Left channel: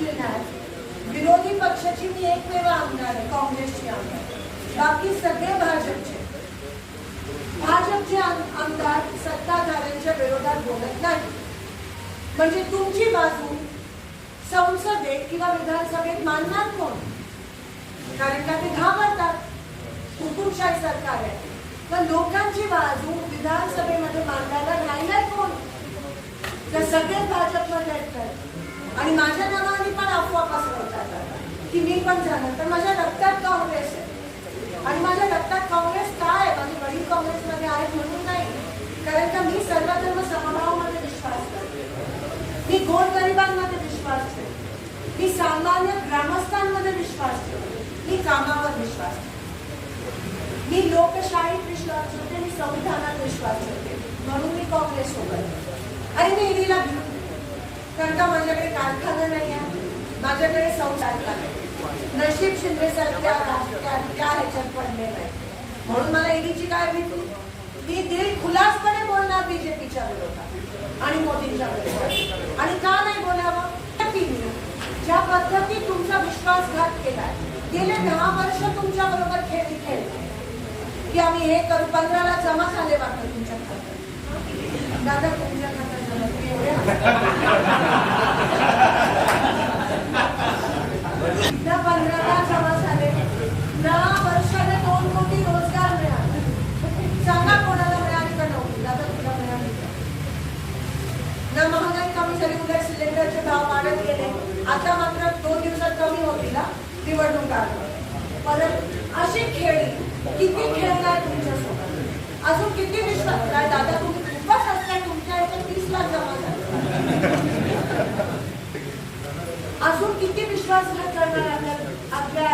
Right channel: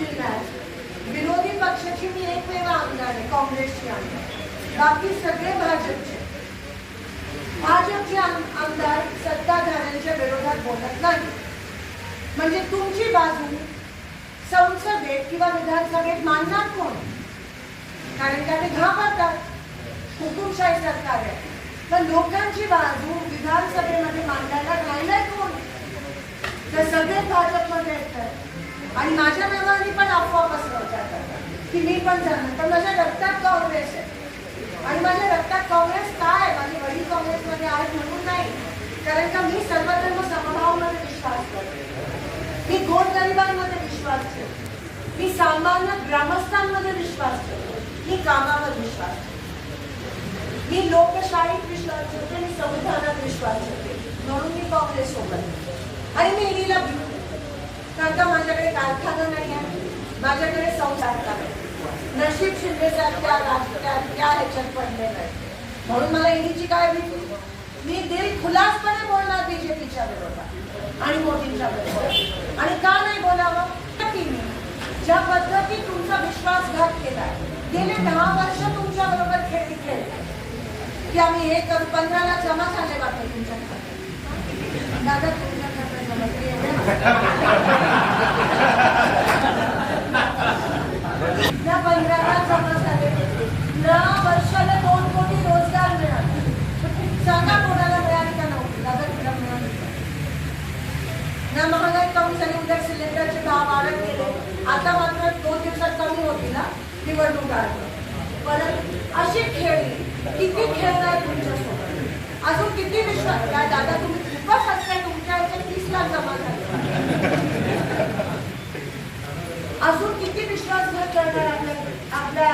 जिल्ह्यात विरोधी पक्षाची मी एकमेव आमदार आहे काँग्रेसची आमदार बाकी सगळे भाजपचे. भाजपचे आमदार सत्ताधाऱ्यांच्या विरोधात बोलत नाही म्हणजे तुमची बाजू संसदेत किंवा विधानसभेत मानणार कोण? कारण का ते घाबरतात. हुकुमशाही सरकार आहे. तर लोकांची बाजू विधानसभेमध्ये मांडायला राहिलाय कोण? तर सगळे आणि माझ्या नावाने पण अफवा पसरवतात. की मी पण जाणार. तर माझ्या रक्तात काँग्रेस आहे. आणि माझ्या रक्तात काँग्रेस काय आहे? माझे वडील काँग्रेसमध्ये आहेत म्हणून नाही. कारण का मी सर्वधर्म समभावामध्ये विश्वास करते. मी गोरगरिबांमध्ये विश्वास ठेवते. मी सामान्य ग्रामस्थांमध्ये विश्वास ठेवते. मी कामावर विश्वास ठेवते. मी लोकशाहीत विश्वास ठेवते. मी संविधानात विश्वास ठेवते. म्हणून मी काँग्रेस सोबत आणि मी ईडीला कारण का माझ्याकडे कारखाना नाही आहे. माझ्याकडे संसारता नाही. नशीब शिंदे सारख्या त्या ह्याच्यात पडले नाही. म्हणून मला ईडीची काय भीती? मी दिल खुलासपणे बोलणार बीजेपीच्या विरोधात आणि मोदींच्या विरोधात. आणि का नाही बोलावं? मी ज्या पद्धतीत तुमचा विश्वासघात केलाय गेले दहा वर्ष तुमच्या बरोबर खेळ खेळले. की आम्ही हे करू. पंधराला जमा झाले बाबा तुमच्या खात्यात दादा तुमच्या खात्यात जमा झाले. ना पंधराला जमा झाले ना वर्षाला दोन कोटी रोजगार मिळाले. सांगा कोणाला मिळाली का नोकरी दादा तुला मिळाली का? ना महागाई कमी झाली उलट सिलेंडरचे भाव वाढत गेले. आता मात्र दोन दिवसात कमी होतील हा, निवडणूक आली परत अशी खेळी किती खेळणार तुमच्यासोबत? अजून किती विश्वास काय दादा तुम्ही खूपच असते तुमच्या याच्या तीस लाख जमा झाले. अजून किती विश्वासघात करणार आपल्या आपल्या